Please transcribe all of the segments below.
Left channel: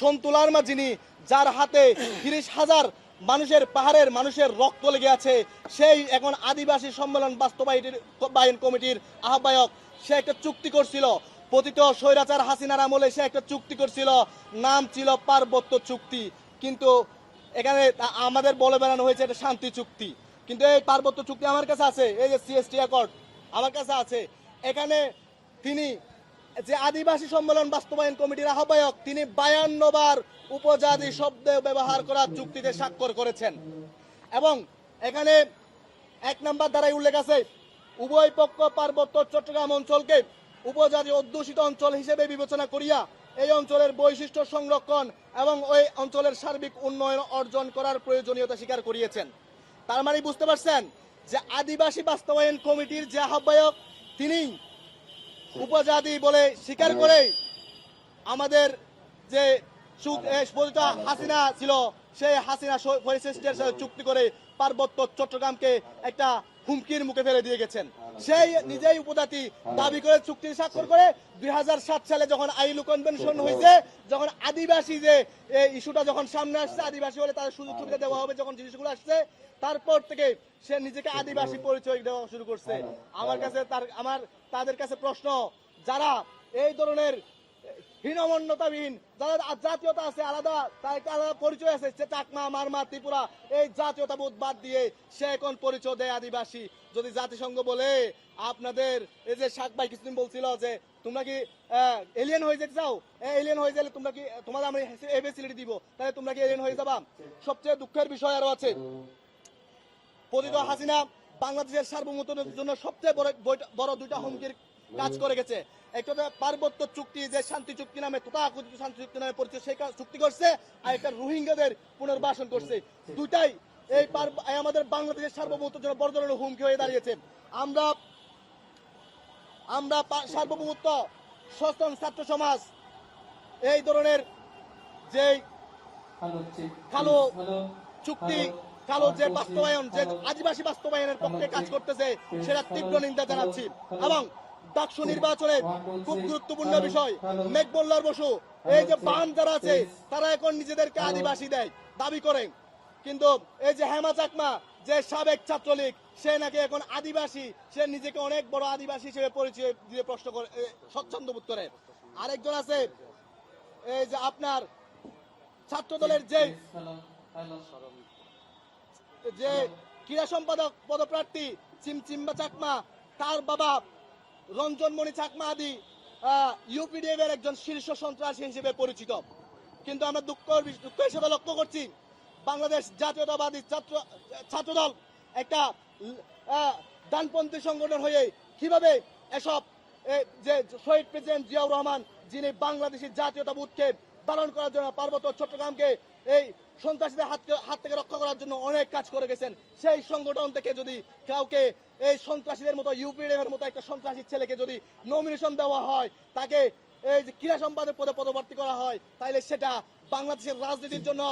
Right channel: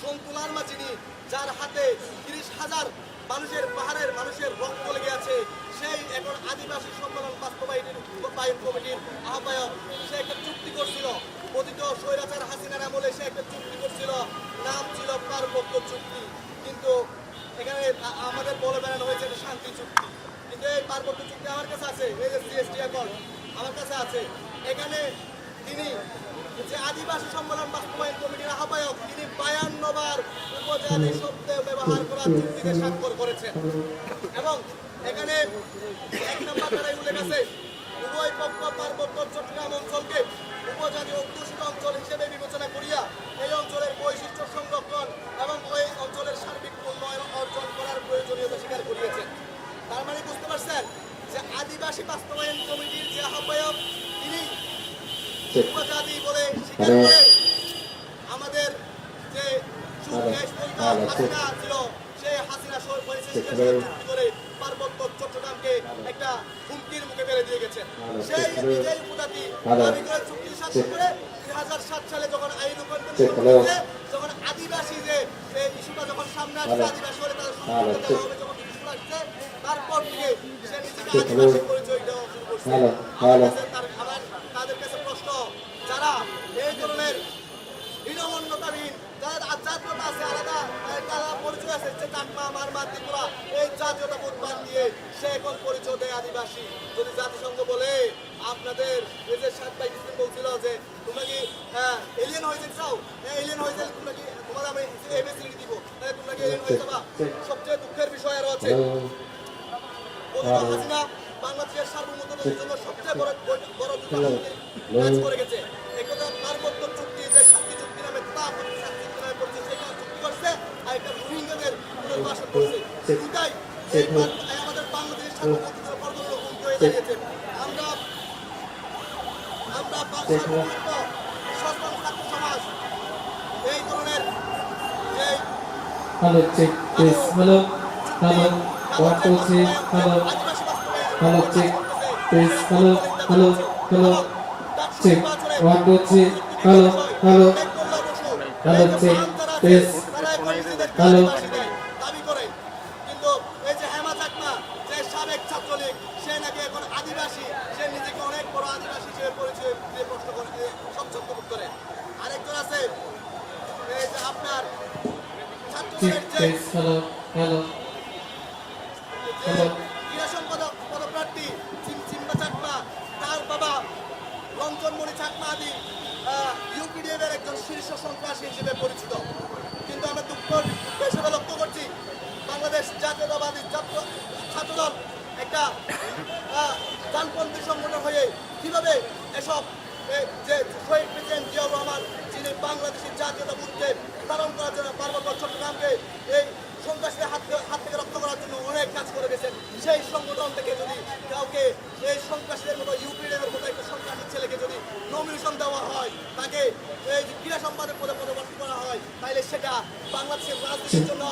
সন্তুলার মা যিনি, যার হাতে 30,000 মানুষের পাহাড়ের মানুষের রক্ত লেগে আছে, সেই এখন আদিবাসী সম্মেলন বাস্তবায়ন কমিটির আহ্বায়ক, সে একটা চুক্তি করছিল পতিত স্বৈরাচার হাসিনার আমলে, সে একটা চুক্তি করছিল, নাম ছিল পার্বত্য চুক্তি। কিন্তু এখানে আমাদের বলে বেড়ানো হয়েছে এটা শান্তি চুক্তি, কিন্তু এই পার্বত্য চুক্তি আমার কাছে আছে, এই যে সিএসটি অ্যাকর্ড আমার কাছে আছে। এখানে তিনি যে আদিবাসী সম্মেলন বাস্তবায়ন কমিটির আহ্বায়ক, তিনি 52 বার উপজাতি শব্দ ব্যবহার করার চুক্তিতে স্বাক্ষর করেছেন। এবং এখানে 1 নম্বর ধারায় উল্লেখ আছে, উভয় পক্ষ পার্বত্য চট্টগ্রাম অঞ্চলকে উপজাতি অধ্যুষিত অঞ্চল হিসেবে বিবেচনা করিয়া এই অঞ্চলের বৈশিষ্ট্য সংরক্ষণ এবং ওই অঞ্চলের সার্বিক উন্নয়ন অর্জন করার প্রয়োজনীয়তা স্বীকার করিয়েছেন। তার মানে বুঝতে পারছেন যে আদিবাসী বাস্তবায়ন কমিটির যে আহ্বায়ক, তিনি উপজাতি বলে স্বীকার করে আমাদের যে হাসিনা ছিল, সেই হাসিনা চুক্তি করে পার্বত্য চট্টগ্রামকে একটা হুমকির মুখে ফেলে দিয়ে গেছেন। সেই নিজেই উপজাতি দাবি করে চুক্তি স্বাক্ষর করে 2007 সালে যখন আইলু কনভেনশন হয়েছে, যখন আদিবাসী যে এই ইস্যুটা যখন সামনে আসছে, আদিবাসী হলে তার সুযোগ দেওয়া হবে, যখন জিনিসগুলো আসছে, তারপর থেকে সে নিজেকে আদিবাসী পরিচয় দেওয়া শুরু করছে। আমার তাদের কাছে প্রশ্ন, যারা এই ধরনের হীনমন্যতাবিহীন, তাদের জাতীয়তা আছে আলাদা, তাদের পরিচয় আছে, চাকমা, মারমা, ত্রিপুরা, এই জাতীয়তা বোধ বাদ দিয়ে সে এখন পরিচয় দেয় আদিবাসী। যদি জাতিসংঘ বলে আপনাদের এই যে 7 ভাই কিছুদিন বলছিল যে তোমরা কি এলিয়েন হয়ে যেতে চাও, এলিয়েন হয়ে গেলে তোমরা কি, তোমাদের আমি এবিসিডি দিব, তাহলে তোমরা কি এলিয়েন হয়ে যাবা? সবচেয়ে দুঃখের বিষয় আরো আছে, পতিত হাসিনা বাংলাদেশের সার্বভৌমত্বের জন্য সবচেয়ে বড় দুটো কাজ করে গেছে। এই কথা পার্বত্য চুক্তি, যে শান্তি চুক্তি নামে শান্তি চুক্তি নামে করছে, সেটা চুক্তি করছে, আর একটা রোহিঙ্গাদের পুনর্বাসন করছে। দুটাই এই আমাদের বাংলাদেশের সার্বভৌমত্বের বড় ধরনের হুমকি হয়ে দাঁড়িয়েছে। আমরা সার্বভৌমত্ব সচেতন ছাত্র সমাজ এই ধরনের যে আদিবাসী দাবি করে। কিন্তু এই যে হেমা চাকমা, যে সাবেক ছাত্রলীগ, সে নাকি এখন আদিবাসী, সে নিজেকে অনেক বড় আদিবাসী হিসেবে পরিচয় দিয়ে প্রশ্ন করে, স্বচ্ছন্দ বোধ করে। আরেকজন আছে এই যে আপনার ছাত্রদলের যে ক্রীড়া সম্পাদক পদপ্রার্থী চিম্বা চাকমা, তার বাবা রঞ্জনমণি চাকমা আদি ইউপিডিএফ এর একজন শীর্ষ সন্ত্রাসী হিসেবে পরিচিত। কিন্তু আমরা দুঃখের সাথে লক্ষ্য করছি, বাংলাদেশ জাতীয়তাবাদী ছাত্রদল একটা ডানপন্থী সংগঠন হয়ে কিভাবে এসব যে শহীদ প্রেসিডেন্ট জিয়াউর রহমান, যিনি বাংলাদেশের জাতীয়তাবোধকে পালন করার জন্য পার্বত্য চট্টগ্রামকে এই সন্ত্রাসীদের হাত থেকে রক্ষা করার জন্য অনেক কাজ করে গেছেন, সেই সংগঠন থেকে যদি কাউকে এই সন্ত্রাসীদের মতো ইউপিডিএফের মতো একটা সন্ত্রাসী ছেলেকে যদি নমিনেশন দেওয়া হয়, তাকে এই ক্রীড়া সম্পাদক পদে পদপ্রার্থী করা হয়, তাহলে সেটা বাংলাদেশের রাজনীতির জন্য,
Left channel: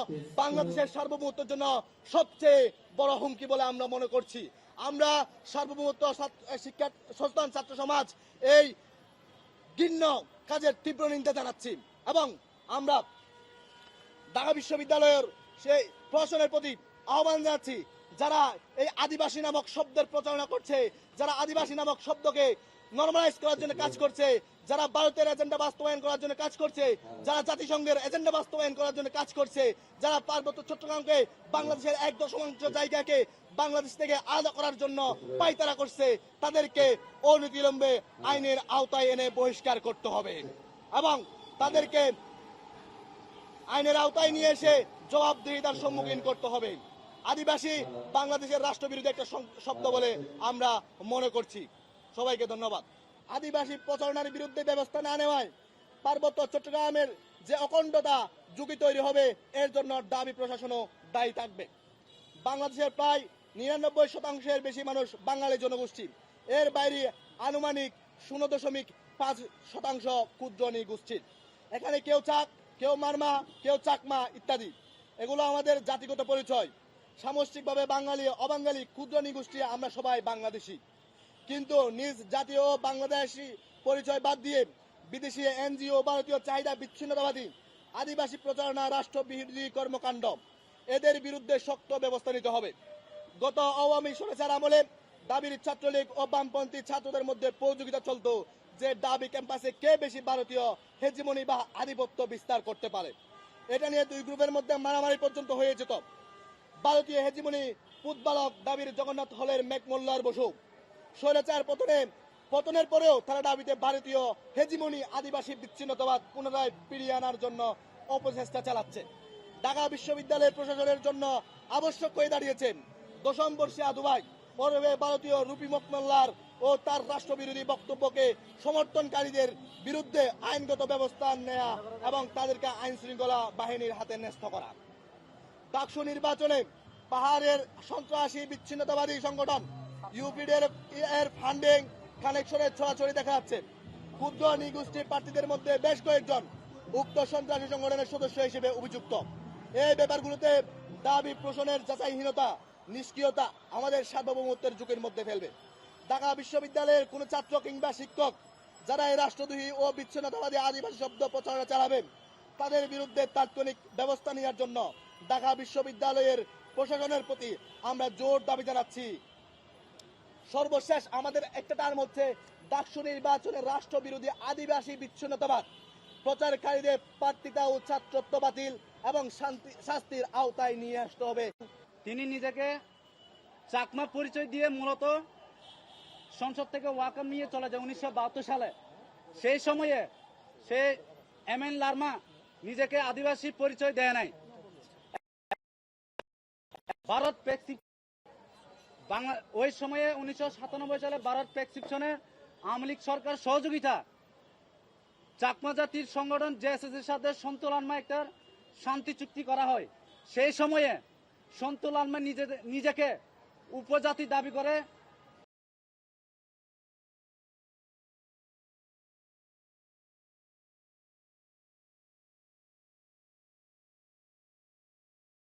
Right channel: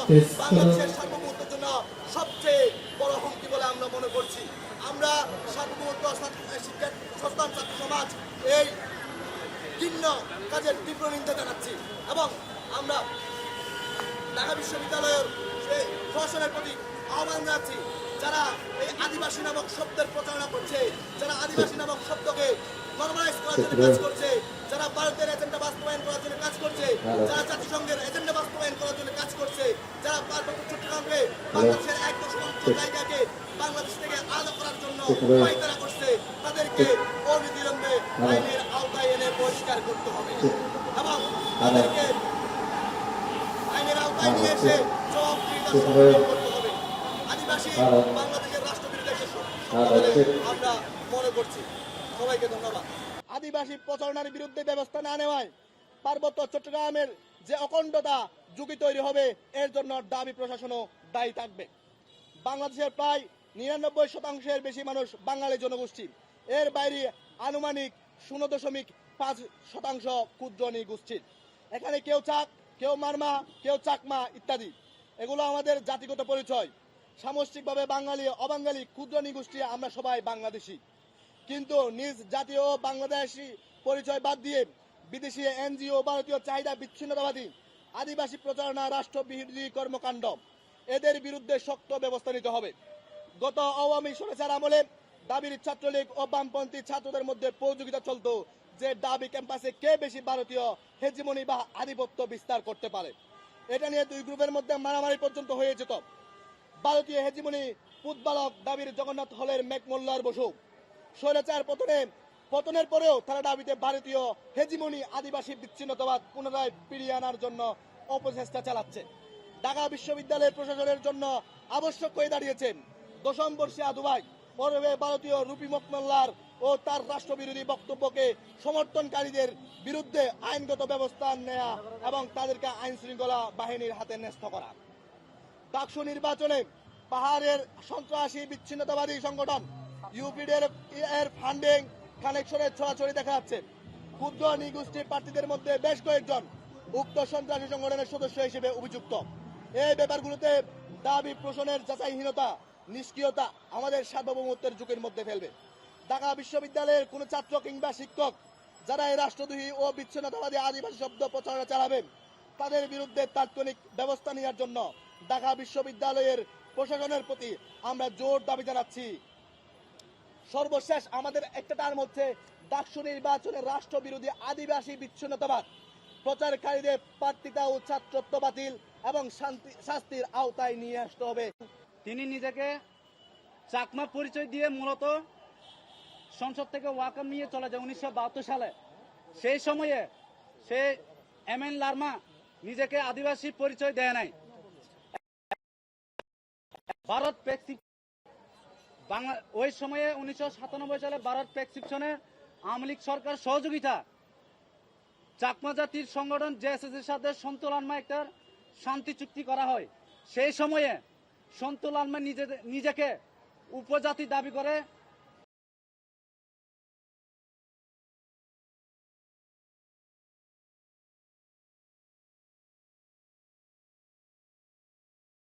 বাংলাদেশের সার্বভৌমত্বের জন্য সবচেয়ে বড় হুমকি বলে আমরা মনে করছি। আমরা সার্বভৌমত্ব শিক্ষা সচেতন ছাত্র সমাজ এই ঘৃণ্য কাজের তীব্র নিন্দা জানাচ্ছি এবং আমরা ঢাকা বিশ্ববিদ্যালয়ের সেই প্রশাসনের প্রতি আহ্বান জানাচ্ছি, যারা এই আদিবাসী নামক শব্দের প্রচারণা করছে, যারা আদিবাসী নামক শব্দকে নরমালাইজ করার জন্য কাজ করছে, যারা ভারতের এজেন্ডা বাস্তবায়ন করার জন্য কাজ করছে, যারা জাতিসংঘের এজেন্ডা বাস্তবায়ন করার জন্য কাজ করছে, যারা পার্বত্য চট্টগ্রামে বাংলাদেশের 1% জায়গাকে বাংলাদেশ থেকে আলাদা করার জন্য পায়তারা করছে, তাদেরকে অনতিবিলম্বে আইনের আওতায় এনে বহিষ্কার করতে হবে এবং তাদেরকে আইনের আওতায় নিয়ে এসে জবাবদিহিতার সম্মুখীন করতে হবে। আদিবাসী বাংলাদেশের রাষ্ট্রবিরোধী একটা শব্দ বলে আমরা মনে করছি। সবাইকে ধন্যবাদ। আদিবাসী প্রচারণার বিরুদ্ধে ব্যবস্থা না নেওয়ায় পার্বত্য চট্টগ্রামের যে অখণ্ডতা ঝুঁকি তৈরি হবে, এর জন্য দাবি প্রশাসনও দায়ী থাকবে। বাংলাদেশের প্রায় 99% বেশি মানুষ বাঙালি জনগোষ্ঠী, এর বাইরে আনুমানিক 0.5% ক্ষুদ্র নৃগোষ্ঠীর। এখানে কেউ চাক, কেউ মারমা, কেউ চাকমা ইত্যাদি, এগুলো আমাদের জাতিগত পরিচয়। সামষ্টিকভাবে বাঙালি, অবাঙালি, ক্ষুদ্র নৃগোষ্ঠী আমরা সবাই বাংলাদেশি। কিন্তু নিজ জাতীয় বাংলাদেশি পরিচয় বাদ দিয়ে বিদেশি এনজিও, ভারতীয় চাহিদা বিচ্ছিন্নতাবাদী আদিবাসী প্রচারণা, রাষ্ট্রবিরোধী কর্মকাণ্ড, এদের বিরুদ্ধে শক্ত ব্যবস্থা নিতে হবে। গত আওয়ামী সরকার আমলে দাবির ছাত্রলীগ ও বামপন্থী ছাত্রদের মধ্যে প্রতিযোগিতা চলত যে দাবি ক্যাম্পাসে কে বেশি ভারতীয় হেজিমনি বা আধিপত্য বিস্তার করতে পারে। এটা নিয়ে দুই গ্রুপের মধ্যে মারামারি পর্যন্ত হয়ে যেত। ভারতীয় হেজিমনি পুতবালক দাবির জগন্নাথ হলের মেঘমোল্লার বসু স্বৈরাচার পতনের পরেও তারা দাবিতে ভারতীয় হেজিমনি আদিবাসী বিচ্ছিন্নতাবাদ পুনরায় ফিরিয়ে আনার জন্য অপচেষ্টা চালাচ্ছে। ঢাকা বিশ্ববিদ্যালয়ের প্রশাসনের জন্য আবশ্যক হয়ে দাঁড়িয়েছেন দশম বর্ষে আদুবাই পর্বে ভারতীয় রূপী মকমল্লার ও তার রাষ্ট্রবিরোধী বক্তব্যকে সমর্থনকারীদের বিরুদ্ধে আইনগত ব্যবস্থা নেওয়া এবং তাদেরকে আইন শৃঙ্খলা বাহিনীর হাতে ন্যস্ত করা। ডাকসু নির্বাচনে পাহাড়ের সন্ত্রাসী বিচ্ছিন্নতাবাদী সংগঠন ইউপিডির এর ফান্ডিং কানেকশনের ছড়াছড়ি দেখা যাচ্ছে। ক্ষুদ্র নৃগোষ্ঠীর প্রার্থীদের মধ্যে বেশ কয়েকজন উক্ত সন্ত্রাসী সংগঠনের সদস্য হিসেবে অভিযুক্ত। এই ব্যাপারগুলোতে দাবি প্রশ্নের যাচাইহীনতা, নিষ্ক্রিয়তা আমাদের সার্বভৌমত্বের ঝুঁকির মধ্যে ফেলবে। ঢাকা বিশ্ববিদ্যালয়ের কোন ছাত্র কিংবা শিক্ষক যারা এই রাষ্ট্রদ্রোহী ও বিচ্ছিন্নতাবাদী আদিবাসী শব্দ প্রচারণা চালাবেন তাদের বিরুদ্ধে তাৎক্ষণিক ব্যবস্থা নেওয়ার জন্য ঢাকা বিশ্ববিদ্যালয়ের প্রশাসনের প্রতি আমরা জোর দাবি জানাচ্ছি। সর্বশেষ আমাদের একটা টার্ম হচ্ছে ডাকসু নির্বাচনে রাষ্ট্রবিরোধী আদিবাসী বিচ্ছিন্নতাবাদ প্রচারকারীদের প্রার্থিতা ও ছাত্রত্ব বাতিল এবং শাস্তির আওতায় নিয়ে আসতে হবে। তিনি নিজেকে চাকমা পরিচয় দিয়ে মূলত সংসদ থেকে ওয়াকআউট নিয়ে চলে যায় 1972 সালে। সেই সময়ে সে এমএন লার্মা নিজেকে আদিবাসী পরিচয় দেয় নাই। ভারত বাংলা ওই সময়ে 1997 সালে ভারত প্রেসক্রিপশনে আওয়ামী লীগ সরকার সহযোগিতা চাকমা জাতির সংগঠন জেএসএস-এর সাথে সন্তু লারমা একটা শান্তি চুক্তি করা হয়। সেই সময়ে সন্তু লারমা নিজেকে উপজাতি দাবি করে